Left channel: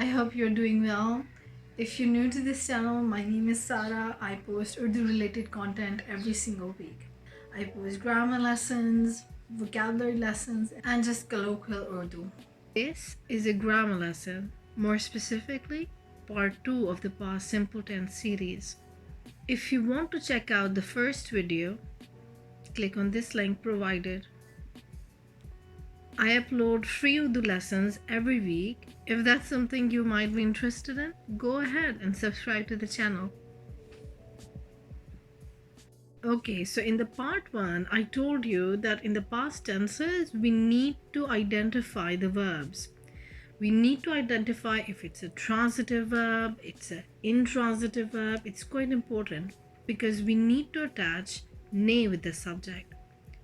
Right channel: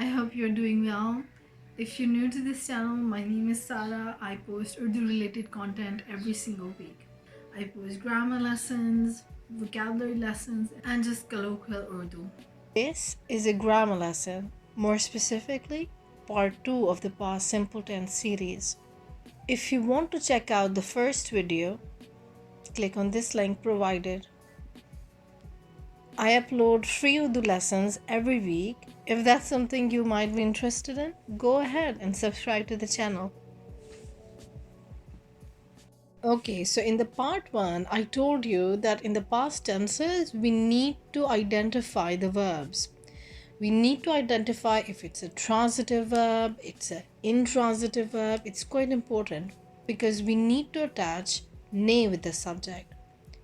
I hope you're doing well. If you're new to this channel, my name is Sara. I post Urdu related content every single week. I post grammar lessons, vocabulary lessons, and just colloquial Urdu. This is a grammar lesson, more specifically, part 2 of the past simple tense series. If you want to check out the first video, click on this link provided. I upload free Urdu lessons every week. If that's something you might be interested in, go ahead and subscribe to the channel. Okay, so in the part 1, I told you that in the past tenses, we need to identify the verbs. We need to identify if it's a transitive verb, it's an intransitive verb. It's quite important because we need to attach ne with the subject.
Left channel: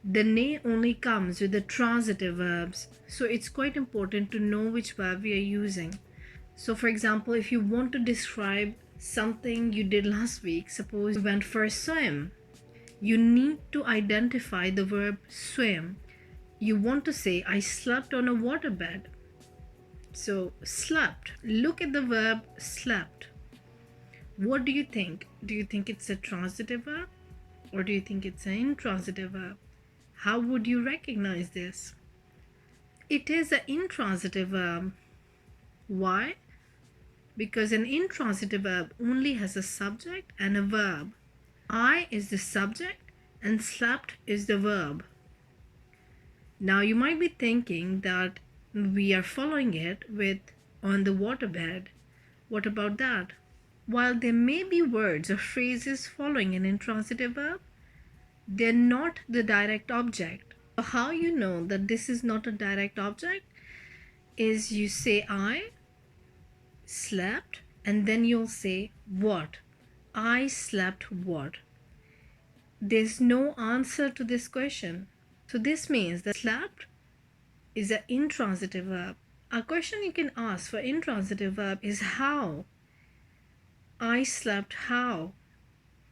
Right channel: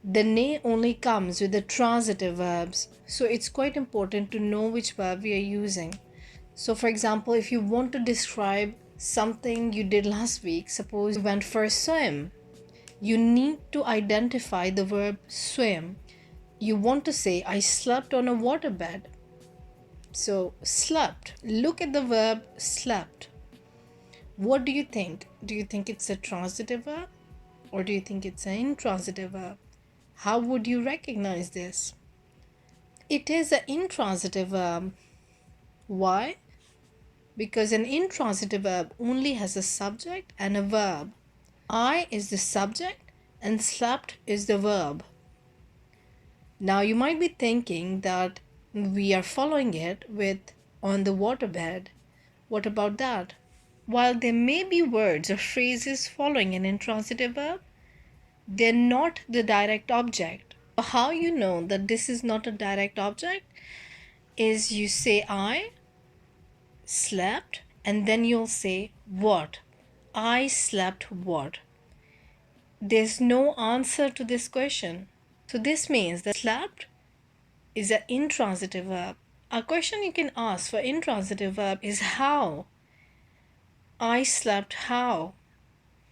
The ne only comes with the transitive verbs, so it's quite important to know which verb we are using. So for example, if you want to describe something you did last week, suppose you went for a swim, you need to identify the verb swim. You want to say, I slept on a waterbed. So slept, look at the verb slept. What do you think? Do you think it's a transitive verb or do you think it's an intransitive verb? How would you recognize this? It is an intransitive verb. Why? Because an intransitive verb only has a subject and a verb. I is the subject and slept is the verb. Now you might be thinking that we are following it with on the waterbed. What about that? While there may be words or phrases following an intransitive verb, they're not the direct object. How you know that this is not a direct object is you say I slept and then you'll say what. I slept what. There's no answer to this question. So this means that slept is an intransitive verb. A question you can ask for intransitive verb is how. I slept how.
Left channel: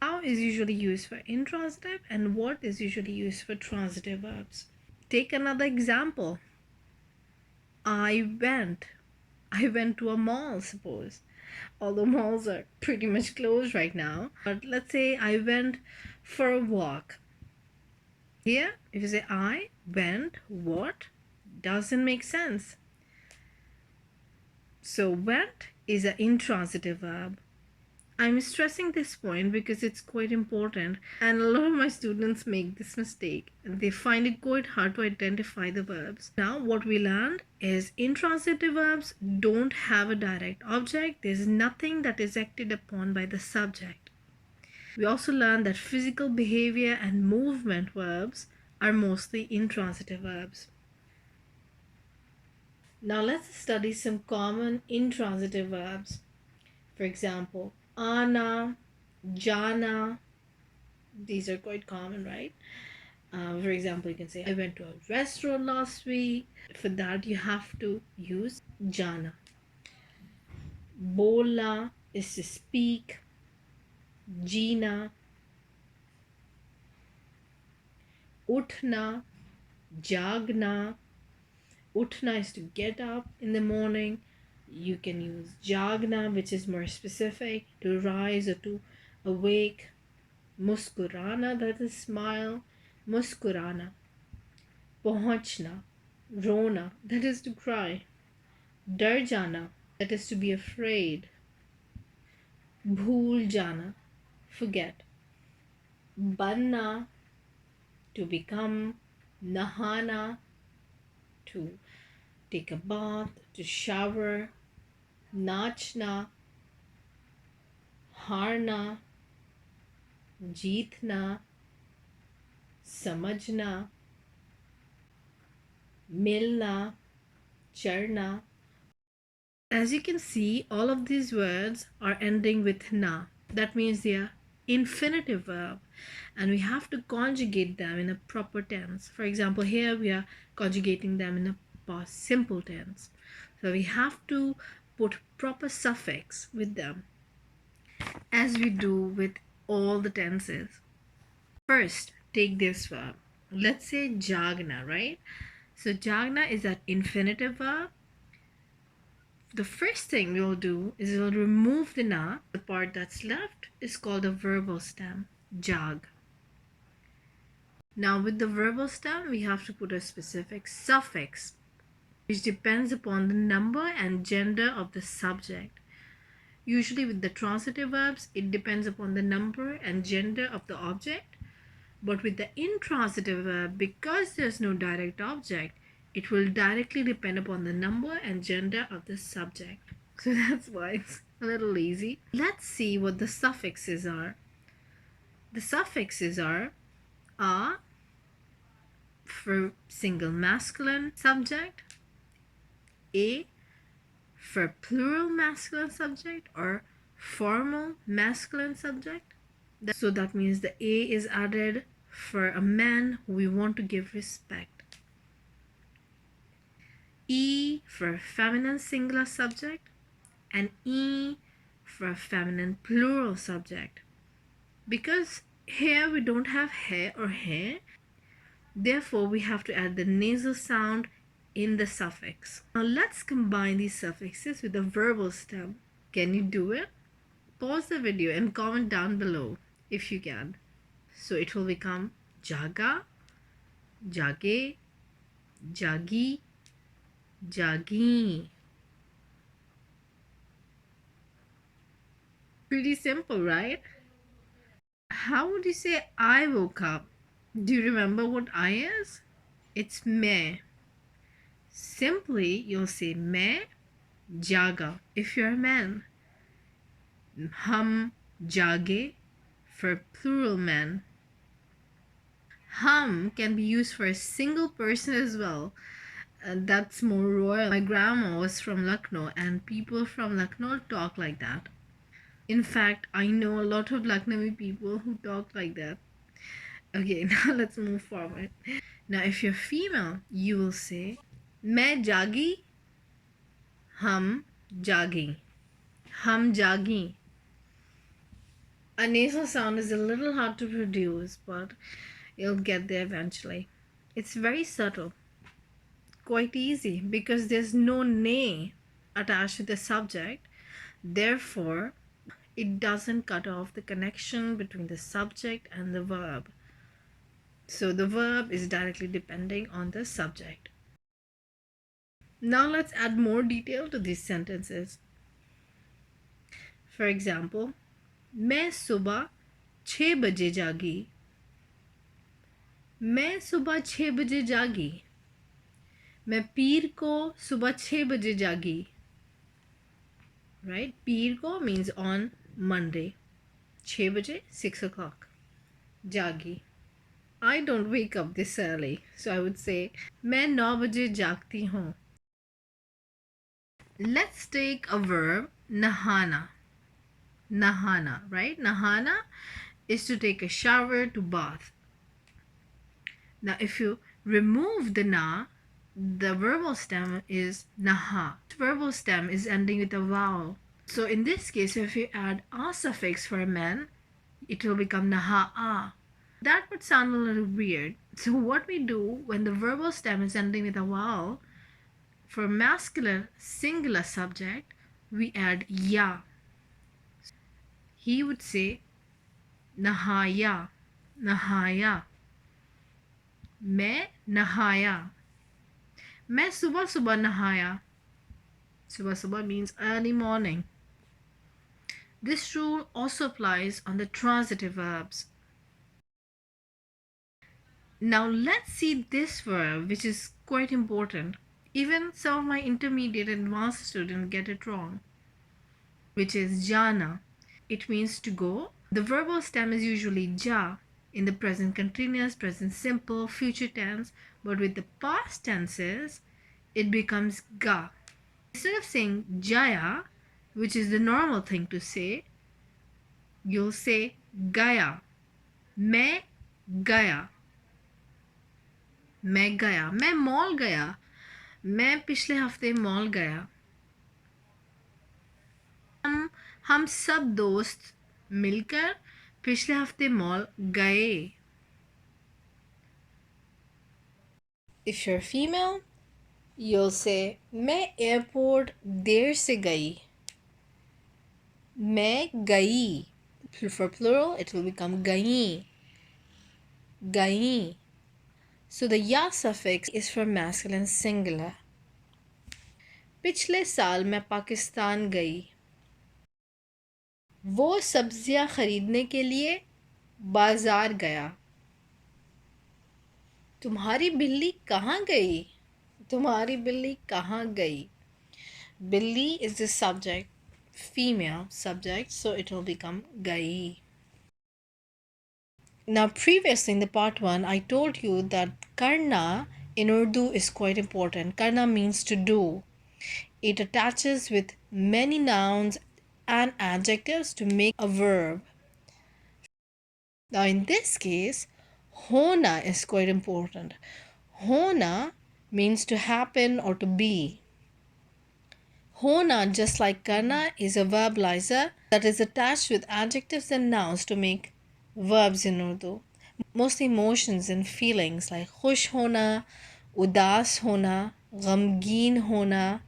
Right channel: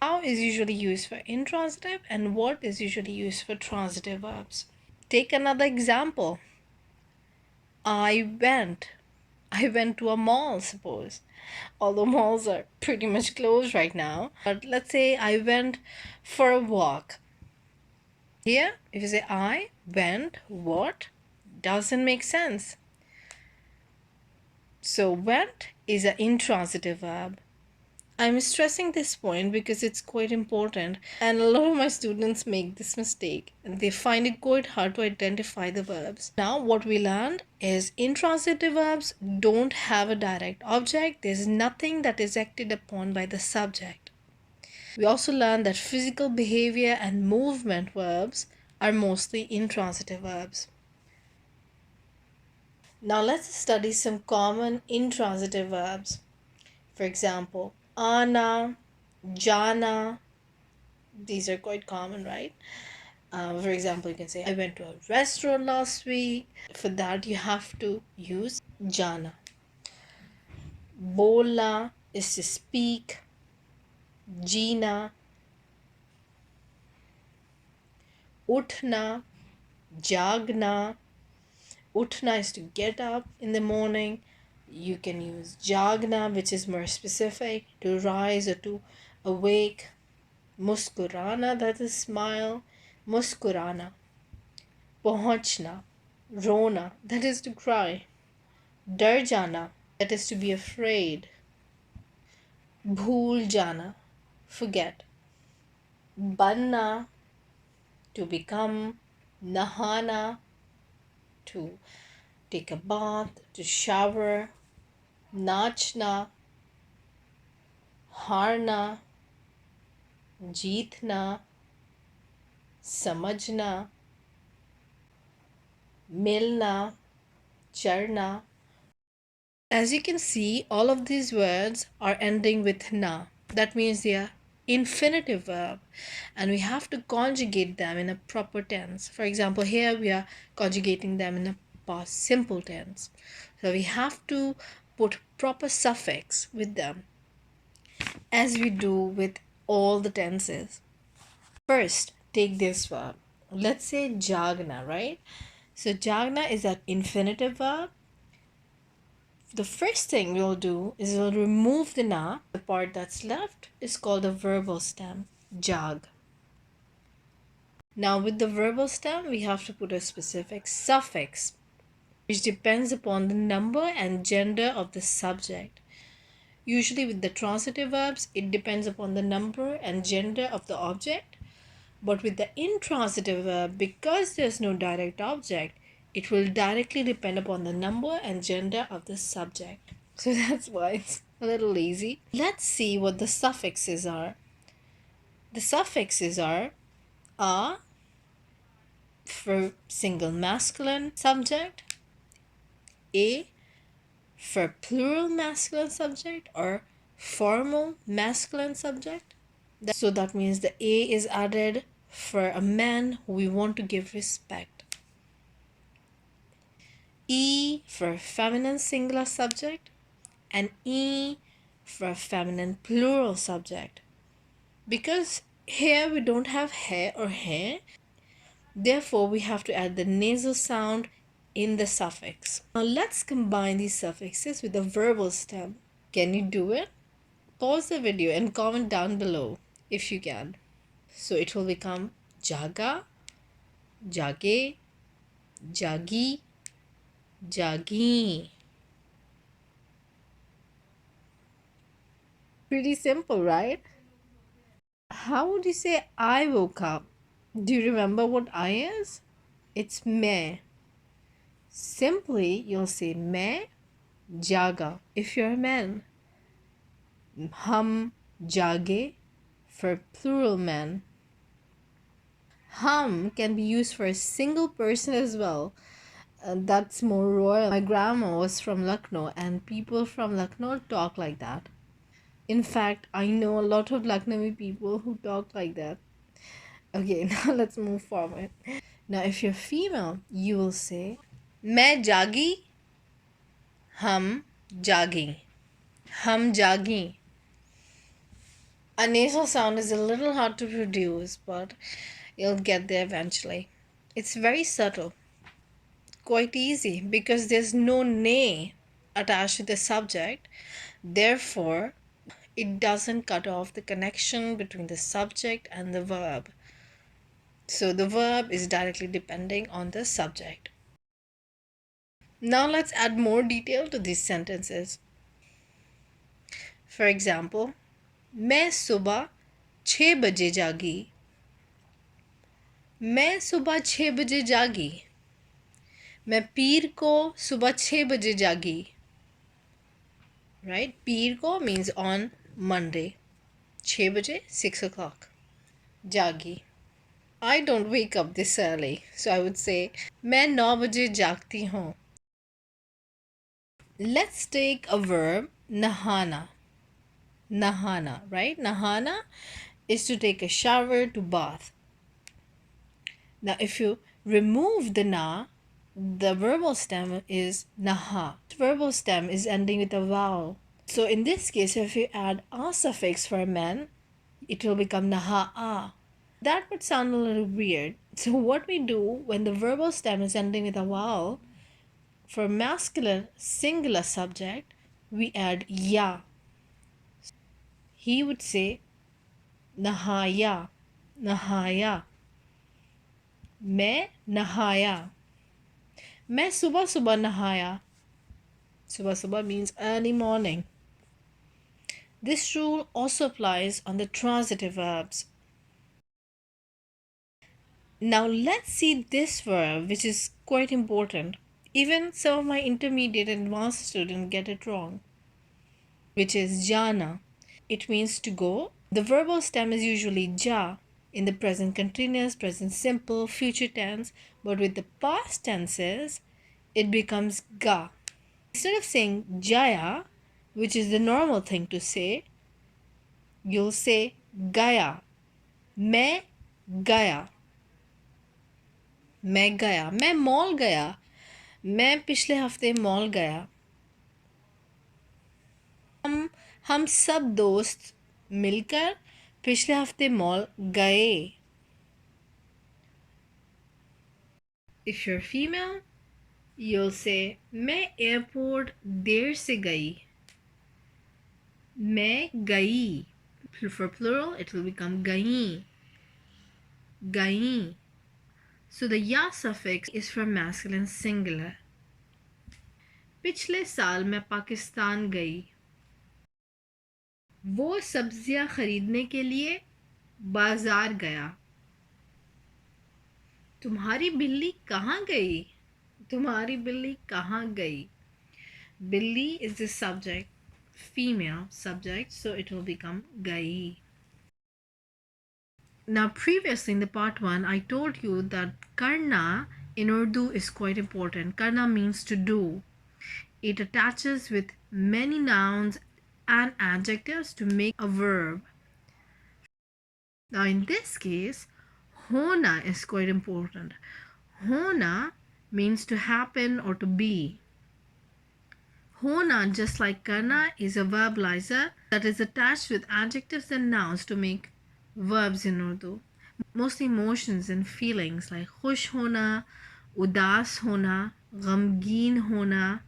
How is usually used for intransitive and what is usually used for transitive verbs. Take another example. I went. I went to a mall, suppose. Although malls are pretty much closed right now. But let's say I went for a walk. Here, if you say I went, what? Doesn't make sense. So went is an intransitive verb. I'm stressing this point because it's quite important and a lot of my students make this mistake. They find it quite hard to identify the verbs. Now what we learned is intransitive verbs don't have a direct object. There's nothing that is acted upon by the subject. We also learned that physical behavior and movement verbs are mostly intransitive verbs. Now let's study some common intransitive verbs. For example, ana, jana. These are quite common, right? For example, you can say, I went to a restaurant last week. For that, you have to use jana. Bola is to speak. Jina. Uthna. Jagna. Uthna is to get up in the morning. You can use jagna, which is more specific, to rise or to awake. Muskurana, that is smile. Muskurana. Pahunchna. Rona, that is to cry. Dar jana, that is to be afraid. Bhool jana, forget. Banna, to become. Nahana, to take a bath, to shower. Nachna, harna. Jeetna, samajhna. Milna, charna. As you can see, all of these words are ending with na. That means they are infinitive verb and we have to conjugate them in a proper tense. For example, here we are conjugating them in a past simple tense. So we have to put proper suffix with them as we do with all the tenses. First, take this verb. Let's say jagna, right? So jagna is an infinitive verb. The first thing we'll do is we'll remove the na. The part that's left is called the verbal stem, jag. Now with the verbal stem, we have to put a specific suffix, which depends upon the number and gender of the subject. Usually with the transitive verbs, it depends upon the number and gender of the object. But with the intransitive verb, because there's no direct object, it will directly depend upon the number and gender of the subject. So that's why it's a little lazy. Let's see what the suffixes are. The suffixes are a for single masculine subject, a for plural masculine subject or formal masculine subject. So that means the a is added for a man who we want to give respect. E for feminine singular subject and E for feminine plural subject. Because here we don't have hair or hair, therefore we have to add the nasal sound in the suffix. Now let's combine these suffixes with the verbal stem. Can you do it? Pause the video and comment down below if you can. So it will become jaga, jage, jagi, jagi. Pretty simple, right? How would you say I woke up? Do you remember what I is? It's me. Simply, you'll say me jaga if you're a man. Hum jage for plural man. Hum can be used for a single person as well. That's more royal. My grandma was from Lucknow, and people from Lucknow talk like that. In fact, I know a lot of Lucknowi people who talk like that. Okay, now let's move forward. Now, if you're female, you will say, मैं जागी, हम जागी, हम जागी. A nasal sound is a little hard to produce, but you'll get there eventually. It's very subtle, quite easy because there's no ne attached to the subject. Therefore, it doesn't cut off the connection between the subject and the verb. So the verb is directly depending on the subject. Now let's add more detail to these sentences. For example, मैं सुबह 6 बजे जागी. मैं सुबह 6 बजे जागी. मैं पीर को सुबह 6 बजे जागी. Right? पीर को means on Monday. 6 बजे 6 o'clock. जागी. I don't wake up this early, so I would say मैं 9 बजे जागती हूँ. Let's take a verb, nahana. Nahana, right? Nahana is to take a shower, to bath. Now, if you remove the na, the verbal stem is naha. The verbal stem is ending with a vowel. So in this case, if you add a suffix for a man, it will become naha-a. That would sound a little weird. So what we do when the verbal stem is ending with a vowel, for masculine singular subject, we add ya. He would say nahaya, nahaya. मैं नहाया. मैं सुबह सुबह नहाया. Subah subah means early morning. This rule also applies on the transitive verbs. Now let's see this verb, which is quite important. Even some of my intermediate and advanced students get it wrong, which is jana. It means to go. The verbal stem is usually ja in the present continuous, present simple, future tense, but with the past tenses, it becomes ga. Instead of saying jaya, which is the normal thing to say, you'll say gaya. मैं गया. मैं गया. मैं mall गया. मैं पिछले हफ्ते mall गया. हम सब दोस्त मिलकर पिछले हफ्ते मॉल गए. If you're female, You'll say, मैं एयरपोर्ट देर से गई. मैं गई. For plural, it will become गई. गई. So the ya suffix is for masculine singular. पिछले साल मैं पाकिस्तान गई. वो सब्जियां खरीदने के लिए बाजार गया. तुम्हारी बिल्ली कहाँ गई? तुम्हारी बिल्ली कहाँ गई? Billi is the subject, female subject, so it will become gai. Now, previously in the part 1, I told you that karna in Urdu is quite important. Karna means to do. It attaches with many nouns and adjectives to make a verb. Now, in this case, hona is quite important. Hona means to happen or to be. Hona, just like karna, is a verbalizer that is attached with adjectives and nouns to make verbs in Urdu. Mostly emotions and feelings like khush hona, udas hona, ghamgeen hona,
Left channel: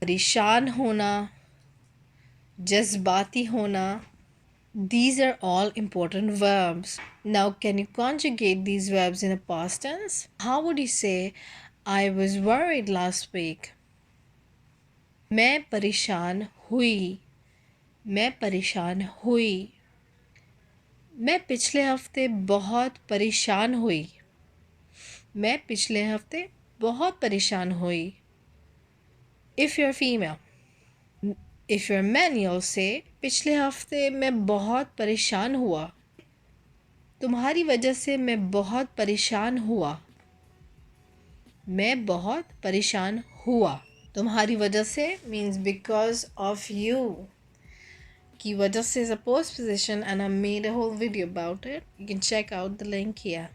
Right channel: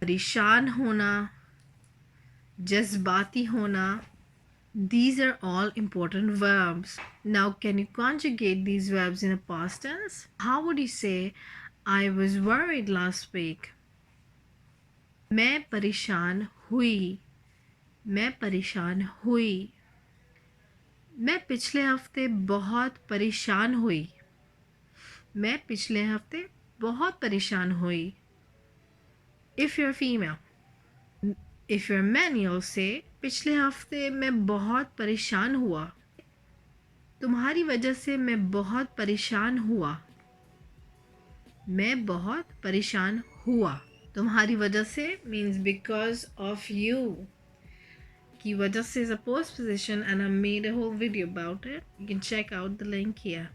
parishan hona, jazbati hona. These are all important verbs. Now, can you conjugate these verbs in a past tense? How would you say, I was worried last week? मैं परेशान हुई. मैं परेशान हुई. मैं पिछले हफ्ते बहुत परेशान हुई. मैं पिछले हफ्ते बहुत परेशान हुई. If you're female. If you're man, you'll say, पिछले हफ्ते मैं बहुत परेशान हुआ. तुम्हारी वजह से मैं बहुत परेशान हुआ. मैं बहुत परेशान हुआ. तुम्हारी वजह से means because of you. की वजह से is a postposition and I made a whole video about it. You can check out the link here.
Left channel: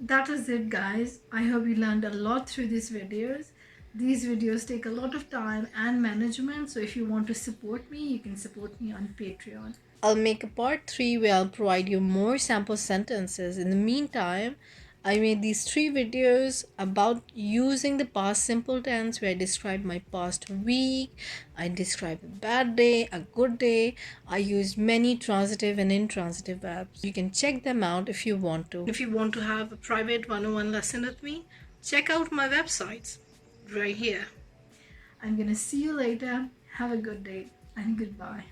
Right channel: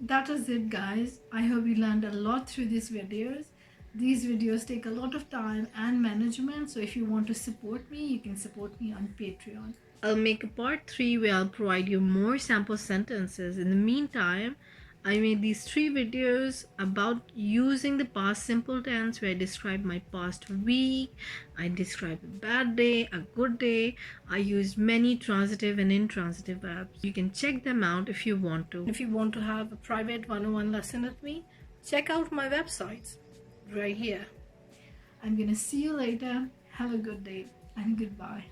That is it, guys. I hope you learned a lot through these videos. These videos take a lot of time and management, so if you want to support me, you can support me on Patreon. I'll make a part 3 where I'll provide you more sample sentences. In the meantime, I made these 3 videos about using the past simple tense where I describe my past week, I describe a bad day, a good day. I use many transitive and intransitive verbs. You can check them out if you want to. If you want to have a private one-on-one lesson with me, check out my websites right here. I'm gonna see you later. Have a good day and goodbye.